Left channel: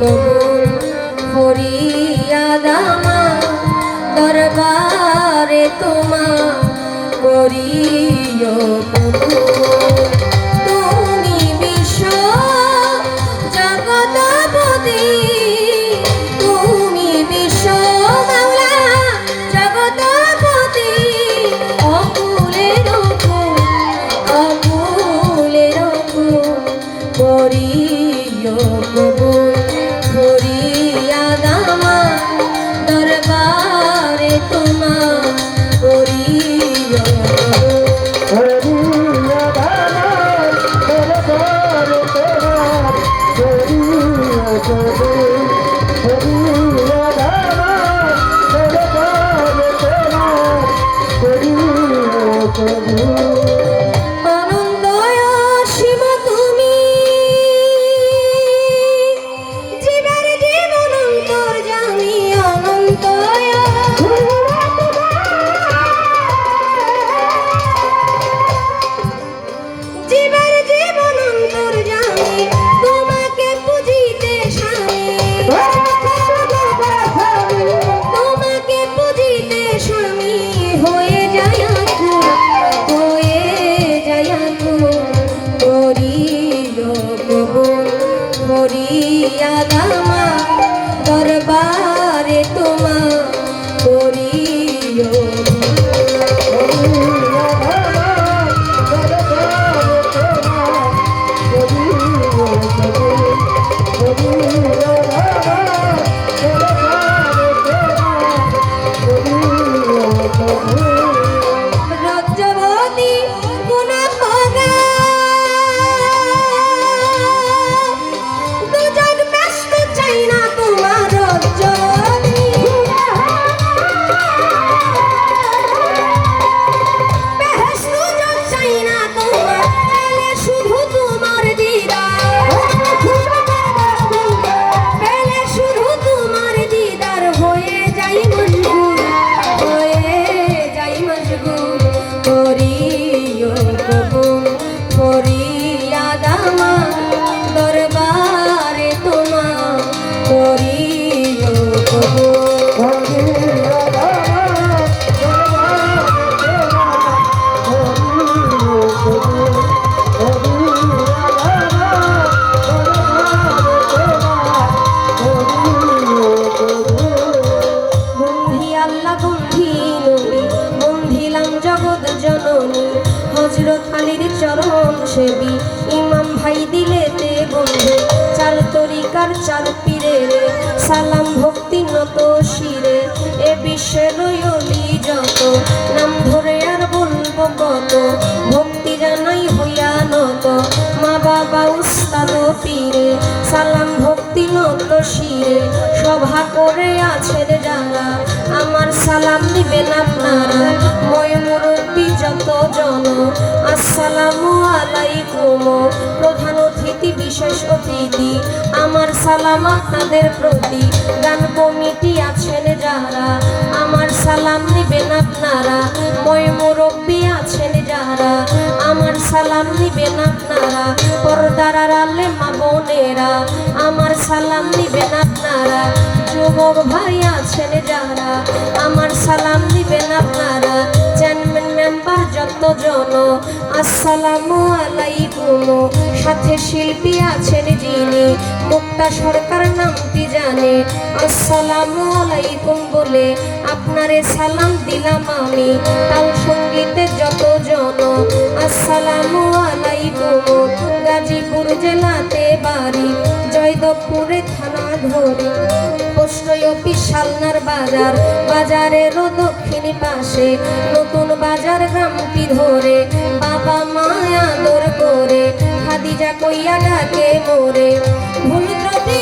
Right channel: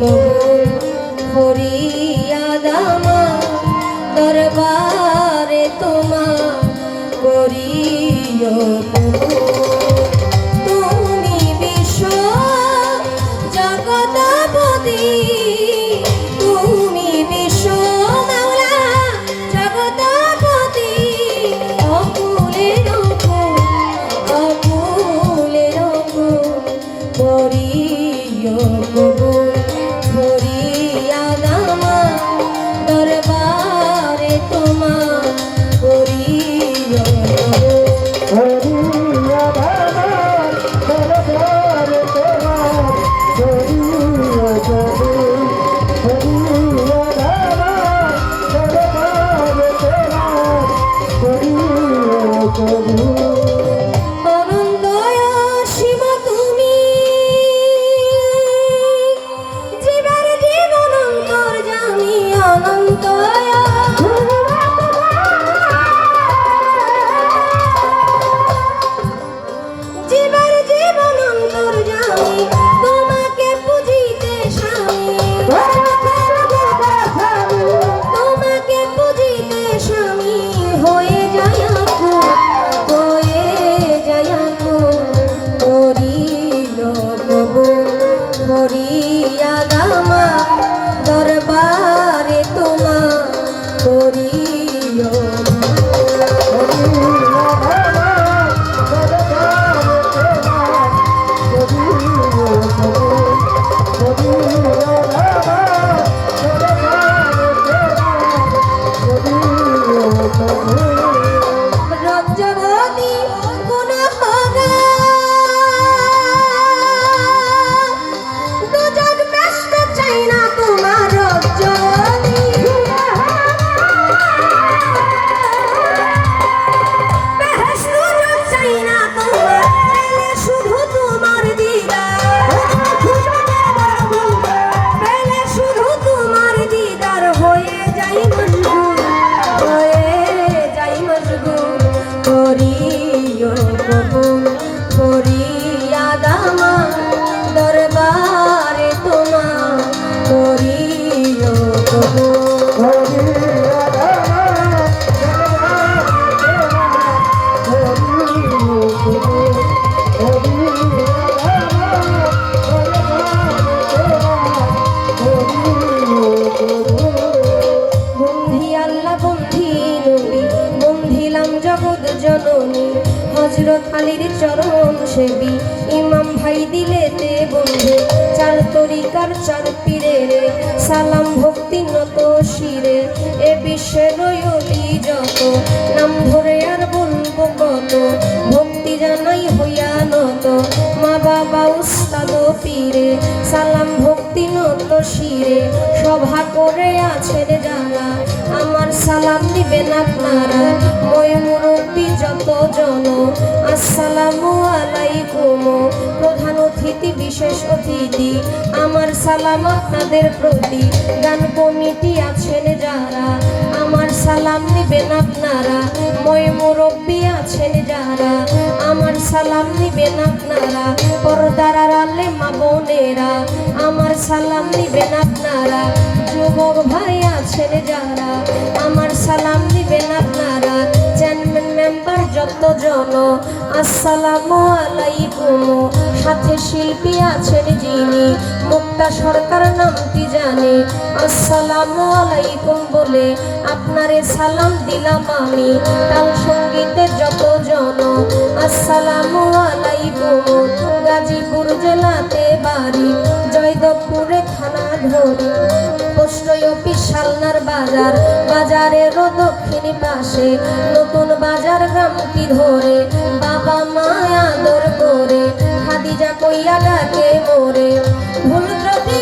কবুল ফরিয়াদ আমার দরবারে তোমার করিও কবুল। তুমি বিশ্ব জগৎপতি, তুমি বিশ্ব মাওলা জগৎপতি, অকুলের অকুল অকুলের অকুল করিও কবুল ফরিয়াদ আমার দরবারে তোমার করিও আনন্দয় শিব তুমি, জীবের জীবন অন্তর্যামী অনন্তয়, জীবের জীবন অন্তর্যামী তোমাকে পুজিতে স্বামী, তোমাকে পুজিতে স্বামী হয়ে যায় আকুল, হয়ে যায় আকুল করিও কবুল ফরিয়াদ আমার দরবারে তোমার করিও রজ্জবতী গুণভোগা দুজন ব্যস্ত চাই না তোমার রজ্জবতী, বেহেশত চাই না তোমার, পেলে শুধু তোমার দিদার, পেলে শুধু তোমার দিদার হয়ে যাই মশগুল, হয়ে যাই মশগুল করিও কবুল ফরিয়াদ আমার দরবারে তোমার করিও কবুল। বন্ধি আল্লাহ বন্ধি নবী বন্ধিলাম জগৎ জননী, হযরত আলীর চরণ সেবী ইমাম ভাই দিলেতে বন্ধু, চার তরিকার চার পীরের সালাম ভক্তি নত শিরে, এ বিশ্বের অলি যত নাম ধরে আর বলবো কত, ভক্তি জানাই হইয়া নত মা বাবা উস্তাদ পীরে, সালাম ভক্তি নত শিরে সভা করে আছেন যারা, আমার সালাম দিবেন আপনারা বয় মুরব্বী যত জন, আসসালামু আলাইকুম প্রধান অতিথি বিশেষ অতিথি, আমার সালাম আপনাদের প্রতি, গান কমিটি আছেন যারা, আমার সালাম নিবেন আপনারা বয় মুরব্বী আছেন যারা, আমার সালাম নিবেন আপনারা পর্দার আড়ালে মা বোনেরা, আমার সালাম নিবেন আপনারা যুবক ভাই আছেন যারা, আমার সালাম নিবেন আপনারা চেয়ারম্যান মেম্বার যত জন, আসসালামু আলাইকুম সাথে শিল্পী আছেন যিনি, মুক্তা সরকার নামটি জানে, আসসালামু আলাইকুম বলে আপনারে সালাম দিলাম আমি, তাল সঙ্গীতের যত জন, আসসালামু আলাইকুম গাজীপুর জেলাতে বাড়ি, জয়দেবপুরে থানা ধরে, পোস্ট অফিস শালনার বাজার, বাজারেরও দক্ষিণ পাশে নতুন বাজার গ্রামটি ধরে, বাবা মা আদর করে খাদিজা কইয়া ডাকে মোরে, ভুল ত্রুটি